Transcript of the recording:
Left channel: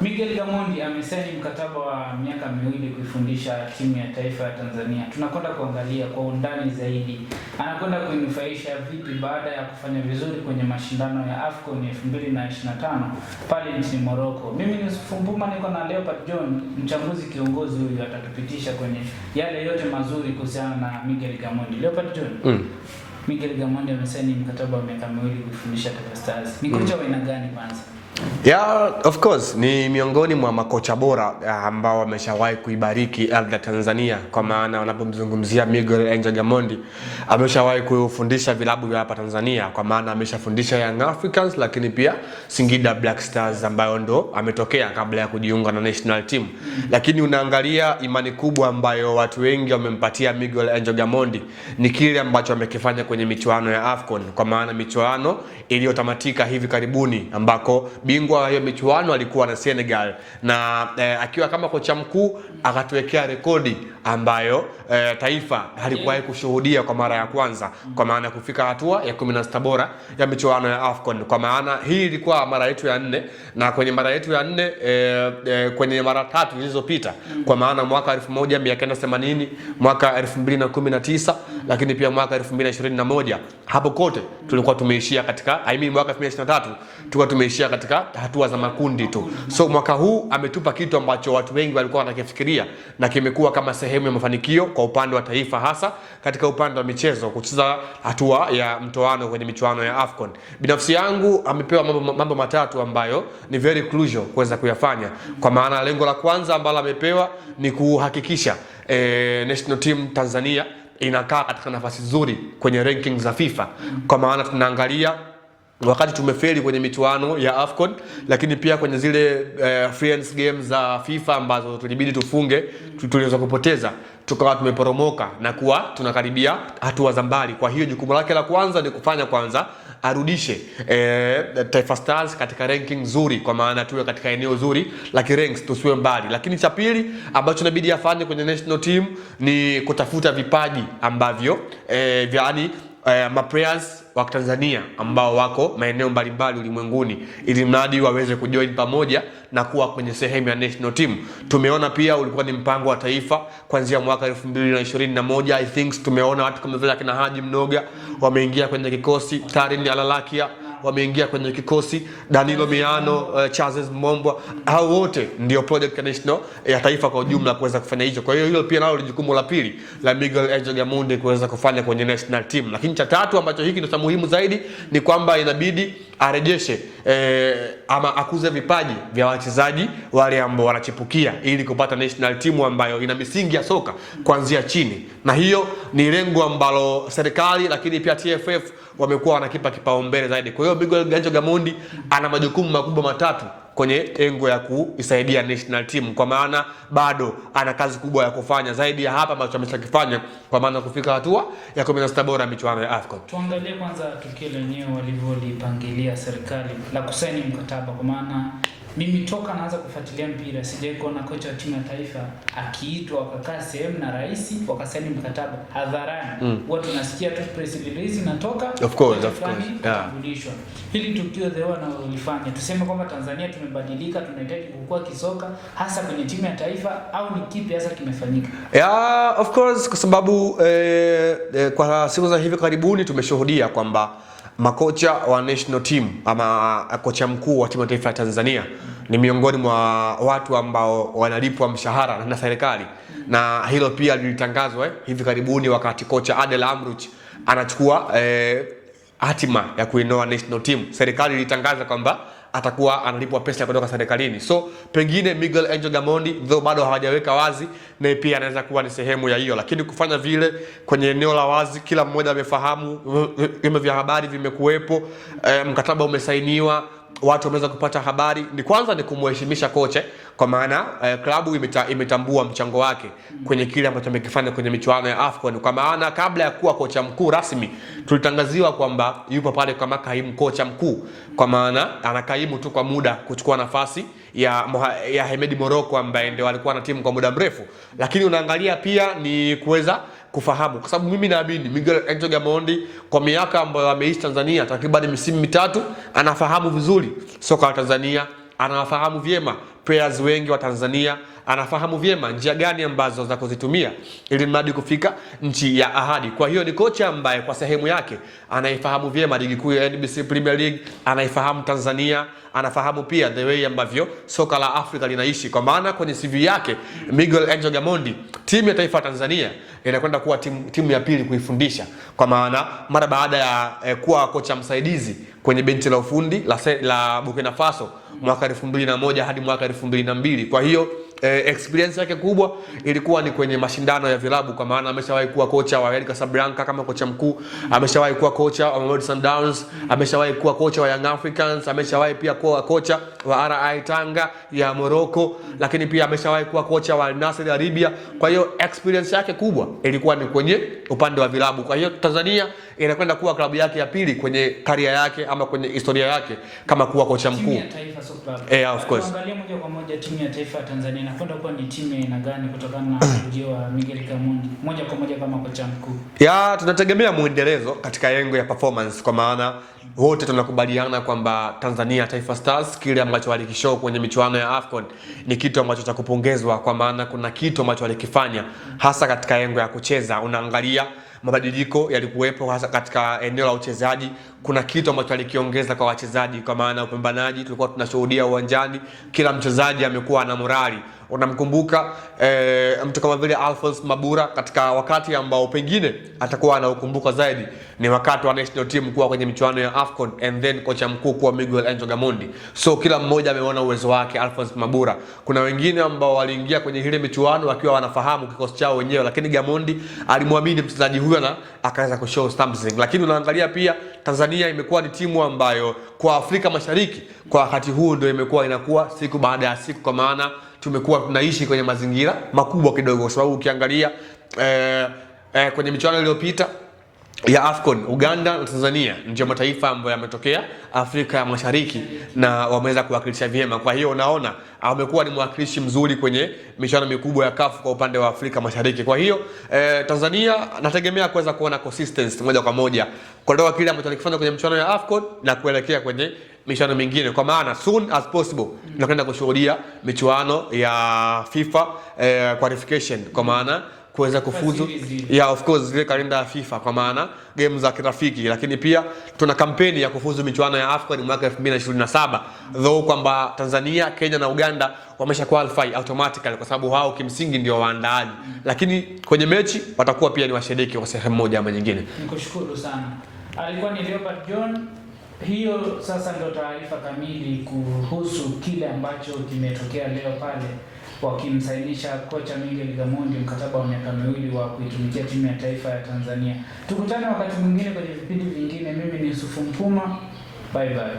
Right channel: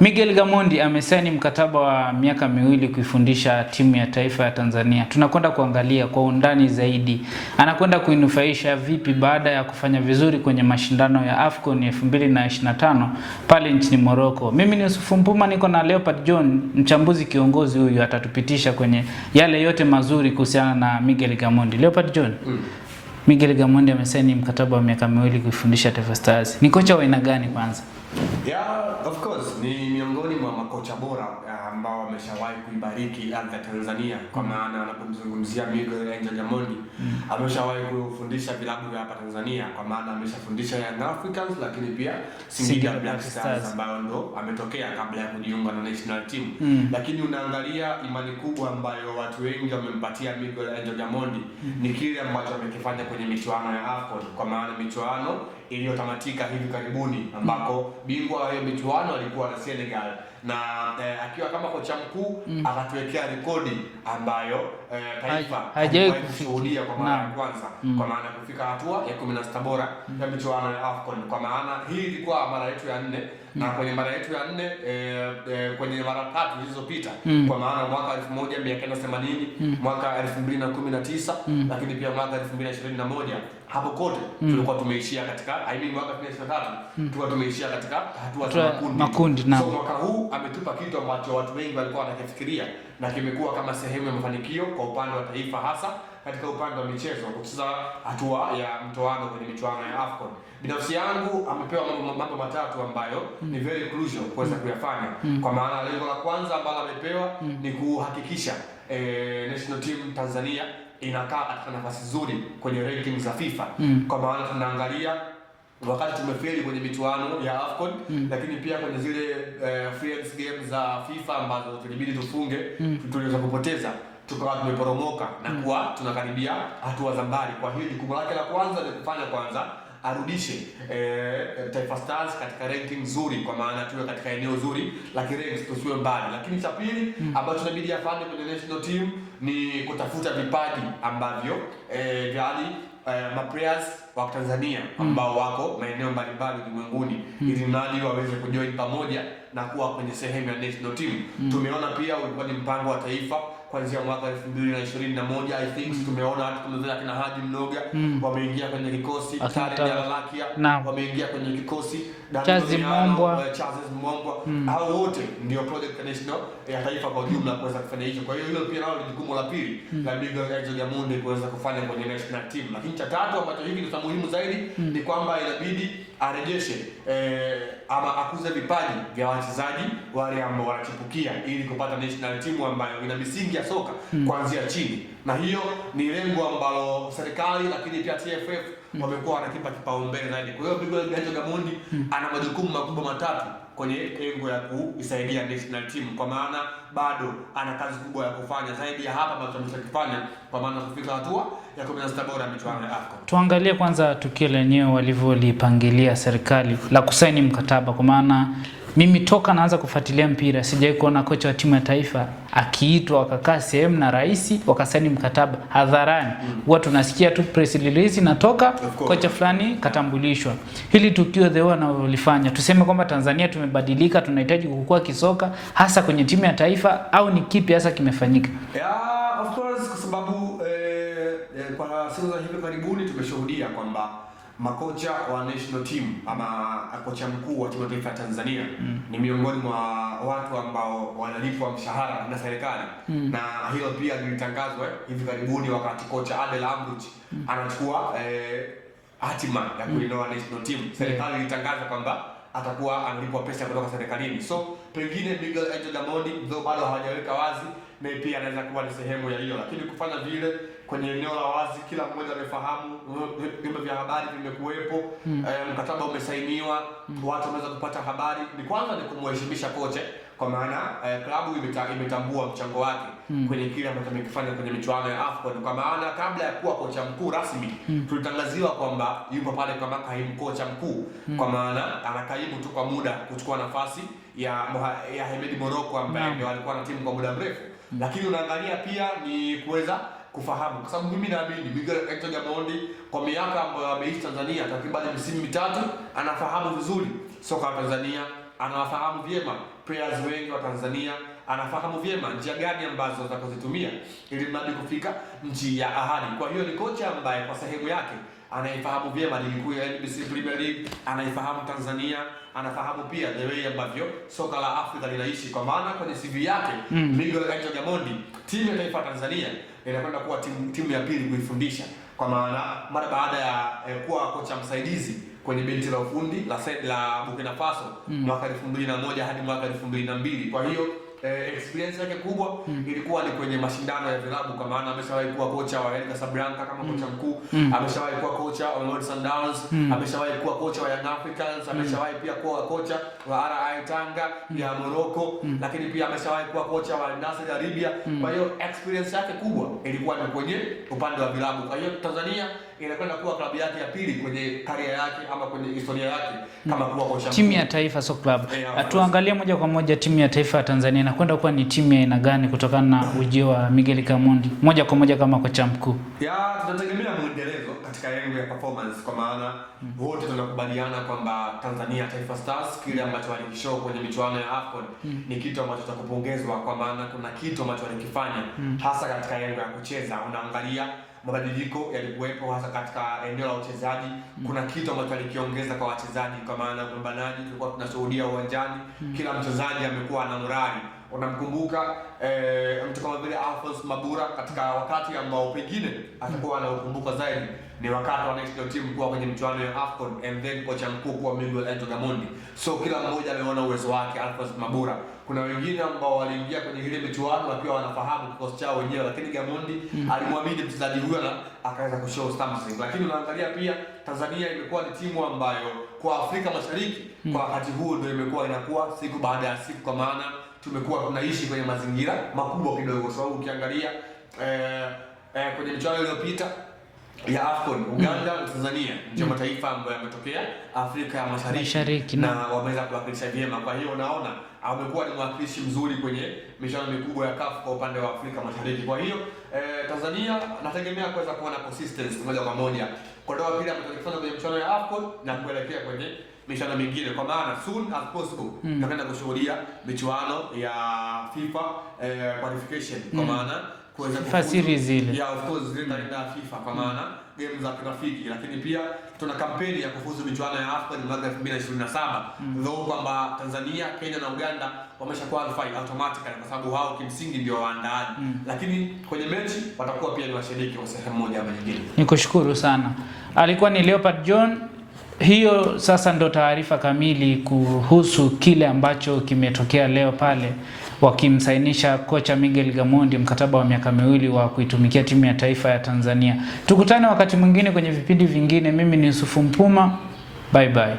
Miguel Gamondi amesaini mkataba wa miaka 2 kuifundisha timu ya taifa ya Tanzania. Tunakwenda kuangalia kwa undani zaidi anakwenda kuinufaisha vipi baada ya kufanya vizuri kwenye mashindano ya AFCON 2025 pale nchini Morocco. Mimi ni Yusufu Mpuma, niko na Leopard John, mchambuzi kiongozi. Huyu atatupitisha kwenye yale yote mazuri kuhusiana na Miguel Gamondi. Leopard John. Miguel Gamondi amesaini mkataba wa miaka 2 kuifundisha Taifa Stars. Ni kocha wa aina gani kwanza? Yeah, of course ni miongoni mwa makocha bora ambao wameshawahi kuibariki ardhi ya Tanzania, kwa maana wanapomzungumzia Miguel Angel Gamondi ameshawahi kufundisha vilabu vya hapa Tanzania, kwa maana ameshafundisha Young Africans, lakini pia Singida Black Stars ambayo ndo ametokea kabla ya kujiunga na national team. Lakini unaangalia imani kubwa ambayo watu wengi wamempatia Miguel Angel Gamondi ni kile ambacho amekifanya kwenye michuano ya AFCON, kwa maana michuano iliyotamatika hivi karibuni ambako bingwa wa hiyo michuano alikuwa na Senegal, na akiwa kama kocha mkuu akatuwekea rekodi ambayo taifa halikuwahi kushuhudia kwa mara ya kwanza, kwa maana kufika hatua ya 16 bora ya michuano ya AFCON. Kwa maana hii ilikuwa mara yetu ya 4, na kwenye mara yetu ya 4 kwenye mara 3 zilizopita, kwa maana mwaka 1980, mwaka 2019, lakini pia mwaka 2021, hapo kote tulikuwa tumeishia katika mwaka 2023 tulikuwa tumeishia katika hatua za makundi tu. So mwaka huu ametupa kitu ambacho watu wengi walikuwa wanakifikiria na kimekuwa kama sehemu ya mafanikio kwa upande wa taifa, hasa katika upande wa michezo, kucheza hatua ya mtoano kwenye michuano ya AFCON. Binafsi yangu amepewa mambo matatu ambayo ni very crucial kuweza kuyafanya. Kwa maana lengo la kwanza ambalo amepewa ni kuhakikisha national team Tanzania inakaa katika nafasi nzuri kwenye rankings za FIFA. Kwa maana tunaangalia wakati tumefeli kwenye michuano ya AFCON, lakini pia kwenye zile friends games za FIFA ambazo tulibidi tufunge, tuliweza kupoteza, tukawa tumeporomoka na kuwa tunakaribia hatua za mbali. Kwa hiyo jukumu lake la kwanza ni kufanya kwanza arudishe Taifa Stars katika ranking nzuri, kwa maana tuwe katika eneo zuri la ranks, tusiwe mbali. Lakini cha pili ambacho inabidi afanye kwenye national team ni kutafuta vipaji ambavyo yani maplayers wa Tanzania ambao wako maeneo mbalimbali ulimwenguni, ili mradi waweze kujoin pamoja na kuwa kwenye sehemu ya national team. Tumeona pia ulikuwa ni mpango wa taifa kuanzia mwaka 2021, I think tumeona watu kama vile kina Haji Mnoga wameingia kwenye kikosi, Tarin Alalakia wameingia kwenye kikosi, Danilo Miano, Charles Mombwa, hao wote ndio project national ya taifa kwa ujumla kuweza kufanya hicho. Kwa hiyo hilo pia nalo ni jukumu la pili la Miguel Angel Gamondi kuweza kufanya kwenye national team. Lakini cha tatu ambacho hiki ndio muhimu zaidi ni kwamba inabidi arejeshe ama akuze vipaji vya wachezaji wale ambao wanachipukia, ili kupata national team ambayo ina misingi ya soka kuanzia chini. Na hiyo ni lengo ambalo serikali lakini pia TFF wamekuwa wanakipa kipaumbele zaidi. Kwa hiyo Miguel Angel Gamondi ana majukumu makubwa matatu kwenye engo ya kuisaidia national team, kwa maana bado ana kazi kubwa ya kufanya zaidi ya hapa ambacho ameshakifanya, kwa maana kufika hatua ya 16 bora michuano ya AFCON. Tuangalie kwanza tukio lenyewe walivyolipangilia serikali la kusaini mkataba, kwa maana mimi toka naanza kufuatilia mpira sijawahi kuona kocha wa timu ya taifa akiitwa akakaa sehemu na rais wakasaini mkataba hadharani. Huwa tunasikia tu press release inatoka, kocha fulani katambulishwa. Hili tukio the one walifanya, tuseme kwamba Tanzania tumebadilika, tunahitaji kukua kisoka hasa kwenye timu ya taifa, au ni kipi hasa kimefanyika? Yeah, of course, kwa sababu kwa siku za hivi karibuni tumeshuhudia kwamba makocha wa national team ama kocha mkuu wa timu ya taifa ya Tanzania ni miongoni mwa watu ambao wanalipwa mshahara na serikali. Na hilo pia lilitangazwa hivi karibuni wakati kocha Adel Amrouche anachukua hatima ya kuinoa national team. Serikali ilitangaza kwamba atakuwa analipwa pesa kutoka serikalini. So pengine Miguel Angel Gamondi though bado hawajaweka wazi, na pia anaweza kuwa ni sehemu ya hiyo, lakini kufanya vile kwenye eneo la wazi, kila mmoja amefahamu, vyombo vya habari vimekuwepo, mkataba umesainiwa, watu wameweza kupata habari. Ni kwanza ni kumheshimisha kocha, kwa maana klabu imetambua mchango wake kwenye kile ambacho amekifanya kwenye michuano ya AFCON. Kwa maana kabla ya kuwa kocha mkuu rasmi tulitangaziwa kwamba yupo pale kama kaimu kocha mkuu, kwa maana anakaimu tu kwa muda kuchukua nafasi ya Hemedi Morocco ambaye ndio alikuwa na timu kwa muda mrefu. Lakini unaangalia pia ni kuweza kufahamu, kwa sababu mimi naamini Miguel Angel Gamondi kwa miaka ambayo ameishi Tanzania takriban misimu 3 anafahamu vizuri soka la Tanzania, anawafahamu vyema players wengi wa Tanzania, anafahamu vyema njia gani ambazo za kuzitumia ili mradi kufika nchi ya ahadi. Kwa hiyo ni kocha ambaye kwa sehemu yake anaifahamu vyema ligi kuu ya NBC Premier League, anaifahamu Tanzania, anafahamu pia the way ambavyo soka la Afrika linaishi. Kwa maana kwenye CV yake Miguel Angel Gamondi, timu ya taifa ya Tanzania inakwenda kuwa timu ya pili kuifundisha, kwa maana mara baada ya kuwa kocha msaidizi kwenye benchi la ufundi la Burkina Faso mwaka 2001 hadi mwaka 2002. Kwa hiyo experience yake kubwa ilikuwa ni kwenye mashindano ya vilabu, kwa maana ameshawahi kuwa kocha wa El Casablanca kama kocha mkuu, ameshawahi kuwa kocha wa Mamelodi Sundowns, ameshawahi kuwa kocha wa Young Africans, ameshawahi pia kuwa kocha wa RI Tanga ya Morocco, lakini pia ameshawahi kuwa kocha wa Al Nassr ya Libya. Kwa hiyo experience yake kubwa ilikuwa ni kwenye upande wa vilabu. Kwa hiyo Tanzania inakwenda kuwa klabu yake ya pili kwenye karia yake ama kwenye historia yake kama kuwa kocha mkuu. Timu ya taifa so club. Tuangalie moja kwa moja timu ya taifa ya Tanzania inakwenda kuwa ni timu ya aina gani kutokana na ujio wa Miguel Gamondi moja kwa moja kama kocha mkuu? Tunategemea muendelezo katika yengo ya performance, kwa maana wote tunakubaliana kwamba Tanzania Taifa Stars kile ambacho walikishow kwenye michuano ya AFCON ni kitu ambacho cha kupongezwa, kwa maana kuna kitu ambacho walikifanya hasa katika yengo ya kucheza. Unaangalia mabadiliko yalikuwepo hasa katika eneo la uchezaji, kuna kitu ambacho alikiongeza kwa wachezaji, kwa maana upambanaji tulikuwa tunashuhudia uwanjani, kila mchezaji amekuwa na morali. Unamkumbuka mtu kama vile Alphonse Mabura katika wakati ambao pengine atakuwa anaukumbuka zaidi ni wakati wa national team kuwa kwenye michuano ya AFCON and then kocha mkuu kuwa Miguel Angel Gamondi. So kila mmoja ameona uwezo wake Alphonse Mabura. Kuna wengine ambao waliingia kwenye ile michuano wakiwa wanafahamu kikosi chao wenyewe, lakini Gamondi alimwamini mchezaji huyo na akaweza kushow something. Lakini unaangalia pia Tanzania imekuwa ni timu ambayo kwa Afrika Mashariki kwa wakati huu ndio imekuwa inakuwa siku baada ya siku, kwa maana tumekuwa tunaishi kwenye mazingira makubwa kidogo, kwa sababu ukiangalia kwenye michuano iliyopita ya AFCON Uganda na Tanzania ndio mataifa ambayo yametokea Afrika ya Mashariki na wameweza kuwakilisha vyema. Kwa hiyo unaona amekuwa ni mwakilishi mzuri kwenye michuano mikubwa ya CAF kwa upande wa Afrika Mashariki. Kwa hiyo Tanzania nategemea kuweza kuona consistency moja kwa moja kutoka kile ambacho alikifanya kwenye michuano ya AFCON na kuelekea kwenye michuano mingine, kwa maana soon as possible tunakwenda kushuhudia michuano ya FIFA qualification, kwa maana kuweza kufuzu of course zile kalenda ya FIFA, kwa maana game za kirafiki, lakini pia tuna kampeni ya kufuzu michuano ya AFCON mwaka 2027 though kwamba Tanzania, Kenya na Uganda wamesha qualify automatically kwa sababu wao kimsingi ndio waandaaji, lakini kwenye mechi watakuwa pia ni washiriki kwa sehemu moja ama nyingine. Nikushukuru sana. Alikuwa ni Leopard John. Hiyo sasa ndo taarifa kamili kuhusu kile ambacho kimetokea leo pale wakimsainisha kocha Miguel Gamondi mkataba wa miaka 2 wa kuitumikia timu ya taifa ya Tanzania. Tukutane wakati mwingine kwenye vipindi vingine. Mimi ni Yusufu Mpuma. Bye bye.